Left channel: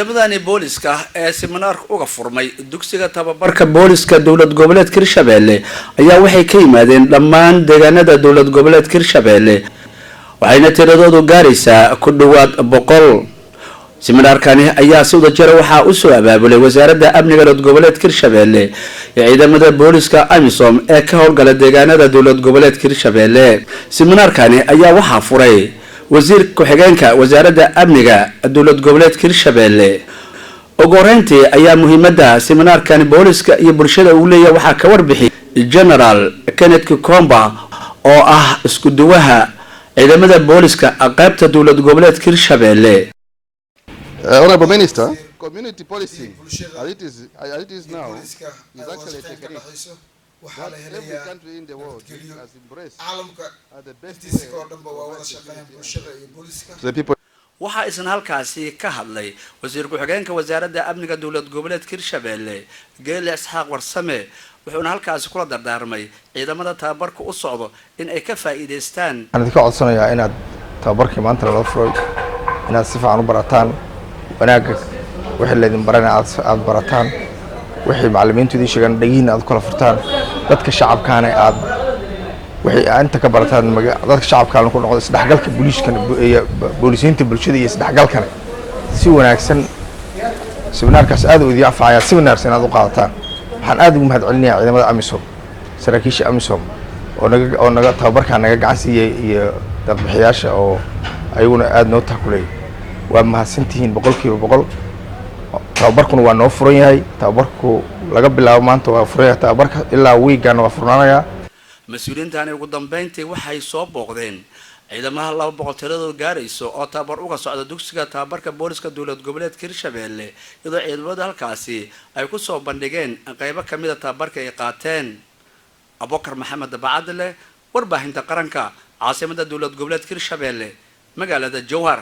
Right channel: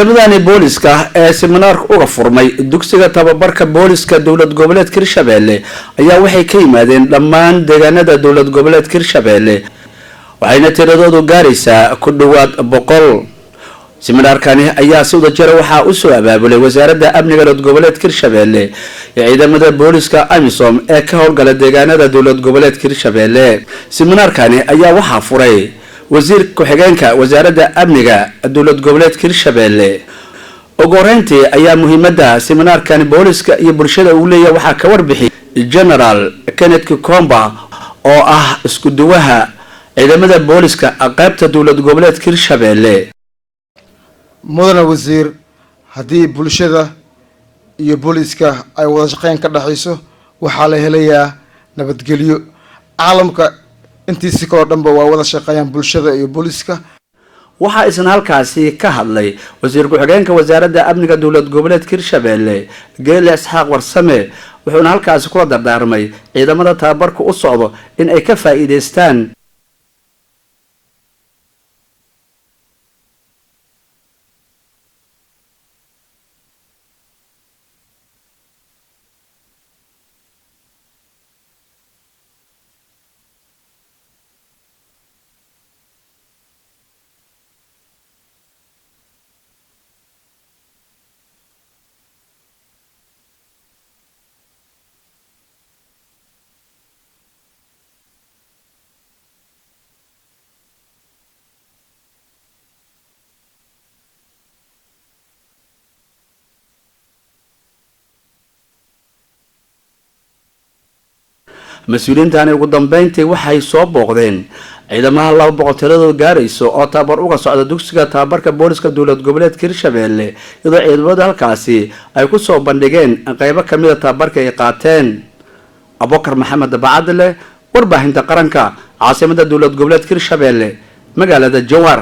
ciidamadani booliska ee seminaarka uga furmay dugsiga tababarka booliska dowlad goboleedka Hirshabelle ayaa waxay ka yimaadeen dhammaan deegaanada dowlad goboleedka Hirshabelle waxayna tiradoodu gaaraysaa ku dhawaad 100. seminaarkani ayaa si wada jira waxa uu soo abaabulay wasaaradda amniga dowlad goboleedka Hirshabelle ee ciidamada booliska AMISOM ee ka howlgala deegaanada dowlad goboleedka Hirshabelle. seminaarkani ayaa waxa furay wasiir ku-xigeenka wasaaradda amniga dowlad goboleedka Hirshabelle. ugu horeyntii ayaa muhiimadda seminaarkani booliska iyo bulshada uu leeyahay waxa ka warbixiyay General Kenneth Kikomba oo ah isku duwaha ciidamada booliska qaybta dowlad goboleedka Hirshabelle. wasiir haddii bulshada iyo booliska ay wada shaqeyn ka dhaxayso waxaa la helayaa nabadgelyo. caalamka intiisa kale dhanba waa wada shaqeeyaan bulshada iyo booliska. waxaa isna halkaasi ka hadlay wasiir ku-xigeenka wasaaradda amniga dowlad goboleedka Hirshabelle Geele Isxaaq Warsame wuxuuna halkaasi kula dardaarmay ciidamada tababarka u socdo in ay ka faa'iideystaan. waxaan ka codsanayaa inaad tababarkii maanta la furay inaad si fiican u barataan wanaaga wixii la idin baranay aad barataan wixii macallimiintu idin sheegan dhagiin aad kala furtaan dadka shacabkaana aad wixii inta ka barataan dadka shacabka ku noqdo isdhaxgalka booliisiinta bulshada iyo isdhaxgalkana si wanaagsan. seminaarkaas aad u idin anfacaya seminaarkan aad u qaadataan. waxaan aad ugu mahadcelinayaa ciidamada AMISOM saraakiisha AMISOM oo naga tababarka naga gacan siiyay iyo dadbixiyaasha oo ayaguna aad noo takulay. waa mahadsantihiin 100%. tababarkuna waa noo furan yahay. tababarku laga bilaabo maanta waa furan yahay tababarka ilaa weekend waa furnaanaya. mas-uuliyiintani ugu dambeyntii waxay soo booqdeen ciidamada 200 tiradoodu gaarayso oo tababar uga socda dugsiga tababarka booliska dowlad goboleedka Hirshabelle iyadoo ciidamada halkaasi ay ku soo bandhigeen qaybo kamid ah tababarka ay qaateen. Abubakar Maxamed Bacadle warbaahinta qaranka caasimada dowlad goboleedka Hirshabelle magaalada Jowhar.